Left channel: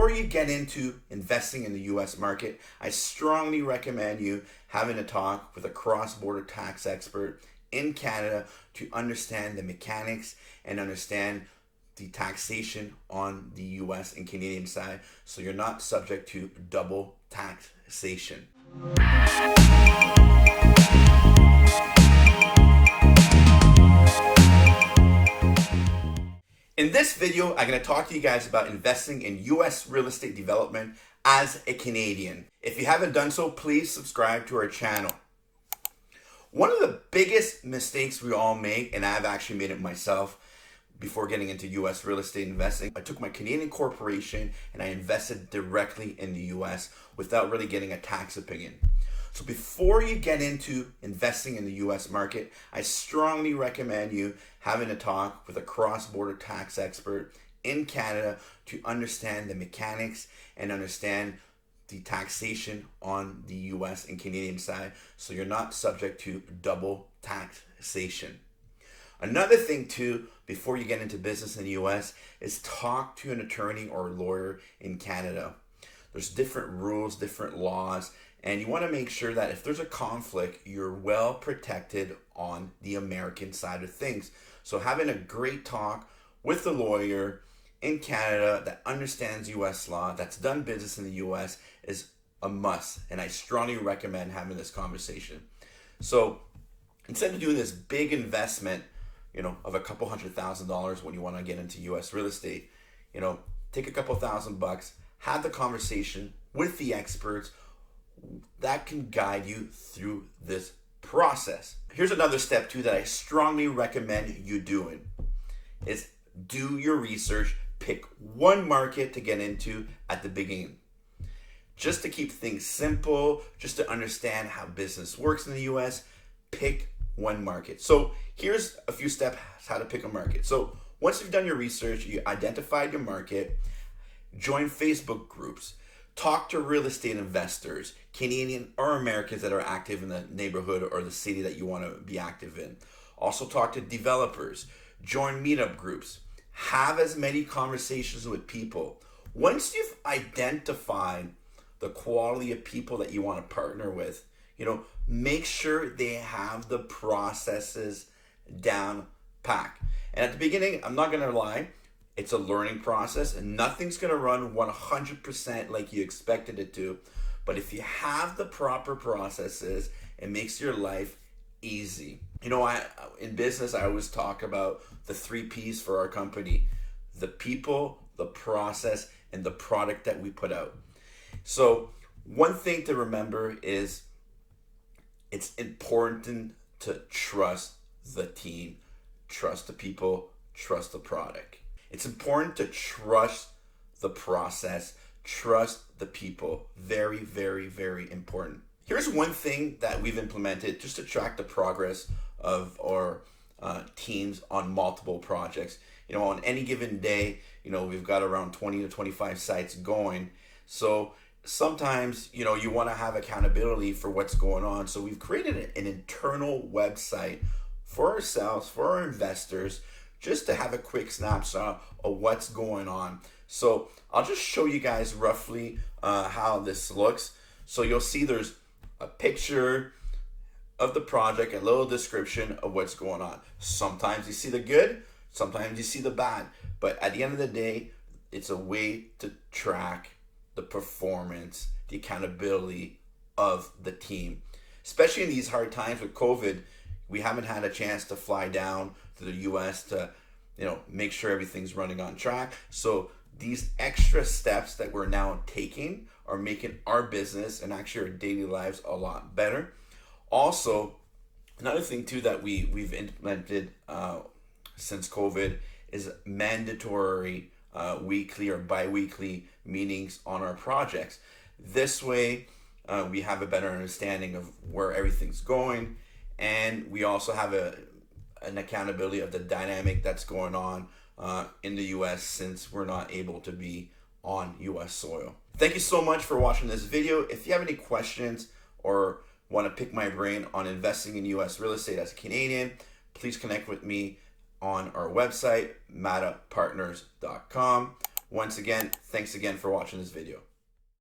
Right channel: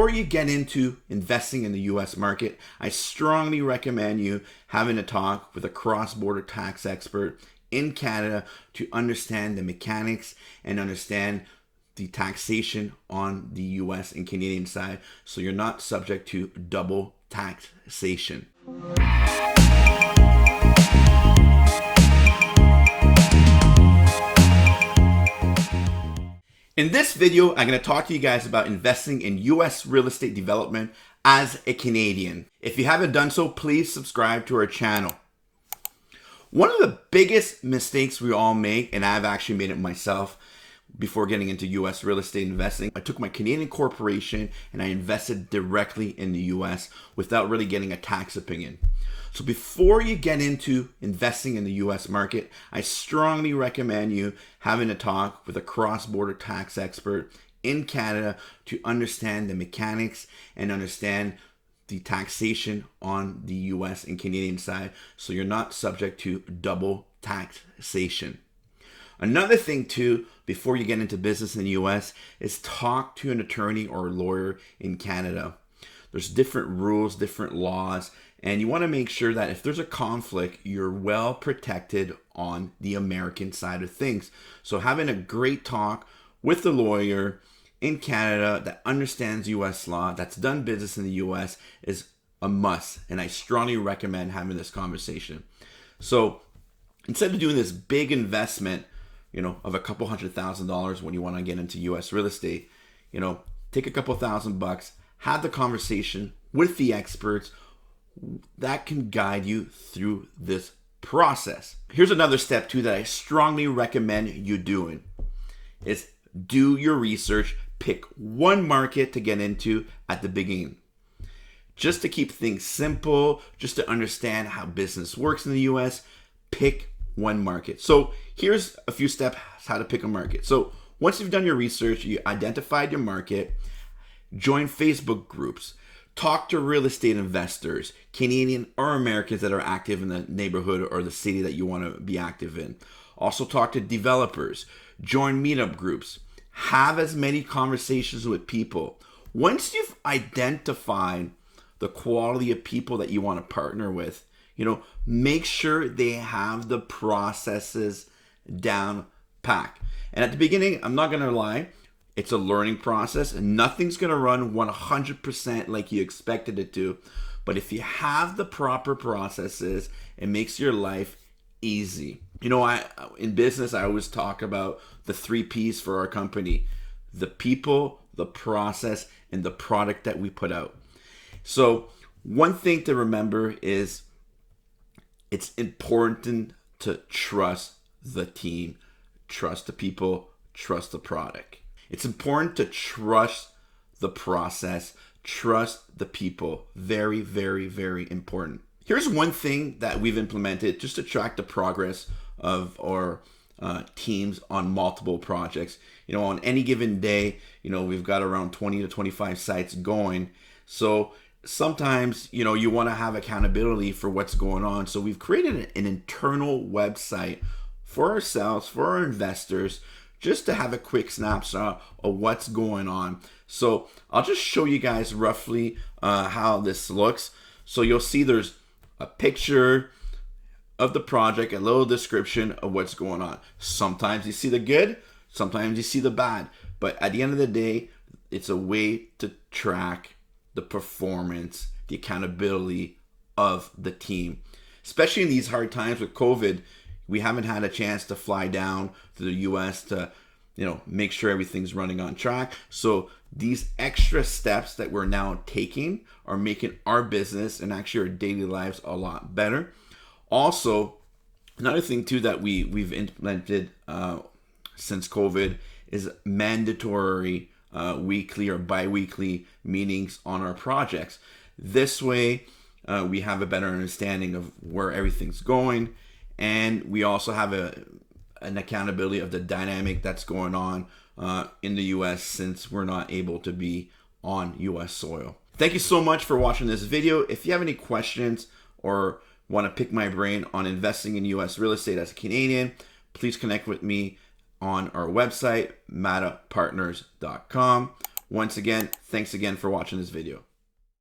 before you get into investing in the US market, I strongly recommend you having a talk with a cross-border tax expert in Canada to understand the mechanics and understand the taxation on the US and Canadian side, so you're not subject to double taxation. In this video, I'm going to talk to you guys about investing in US real estate development as a Canadian. If you haven't done so, please subscribe to our channel. One of the biggest mistakes we all make, and I've actually made it myself before getting into US real estate investing, I took my Canadian corporation and I invested directly in the US without really getting a tax opinion. So before you get into investing in the US market, I strongly recommend you having a talk with a cross-border tax expert in Canada to understand the mechanics and understand the taxation on the US and Canadian side, so you're not subject to double taxation. Another thing too, before you get into business in the US, is talk to an attorney or a lawyer in Canada. There's different rules, different laws, and you want to make sure that if there's a conflict, you're well protected on the American side of things. So having a great talk with a lawyer in Canada that understands US law, that's done business in the US, is a must, and I strongly recommend having this conversation. So instead of doing this big investment, of a couple $100,000 when you want to get into US real estate, take a couple $1,000, have the conversation with the experts that can guide you through this process. Here's another step too that I strongly recommend you doing is do your research. Pick one market to get into at the beginning. Just to keep things simple, just to understand how business works in the US, pick one market. So here's a few steps how to pick a market. So once you've done your research, you identified your market, join Facebook groups, talk to real estate investors, Canadian or Americans that are active in the neighborhood or the city that you want to be active in. Also talk to developers, join meetup groups, have as many conversations with people. Once you've identified the quality of people that you want to partner with, make sure they have the processes down pat. And at the beginning, I'm not going to lie, it's a learning process and nothing's going to run 100% like you expected it to. But if you have the proper processes, it makes your life easy. In business, I always talk about the 3 P's for our company: the people, the process, and the product that we put out. So one thing to remember is it's important to trust the team, trust the people, trust the product. It's important to trust the process, trust the people. Very, very, very important. Here's one thing that we've implemented just to track the progress of our teams on multiple projects. On any given day, we've got around 20 to 25 sites going. So sometimes, you want to have accountability for what's going on. So we've created an internal website for ourselves, for our investors, just to have a quick snapshot of what's going on. So I'll just show you guys roughly how this looks. So you'll see there's a picture of the project, a little description of what's going on. Sometimes you see the good, sometimes you see the bad. But at the end of the day, it's a way to track the performance, the accountability of the team. Especially in these hard times with COVID, we haven't had a chance to fly down to the US to, make sure everything's running on track. So these extra steps that we're now taking are making our business and actually our daily lives a lot better. Also, another thing too that we've implemented since COVID is mandatory weekly or bi-weekly meetings on our projects. This way, we have a better understanding of where everything's going, and we also have an accountability of the dynamic that's going on in the US, since we're not able to be on US soil. Thank you so much for watching this video. If you have any questions or want to pick my brain on investing in US real estate as a Canadian, please connect with me on our website, madapartners.com, Once again, thanks again for watching this video.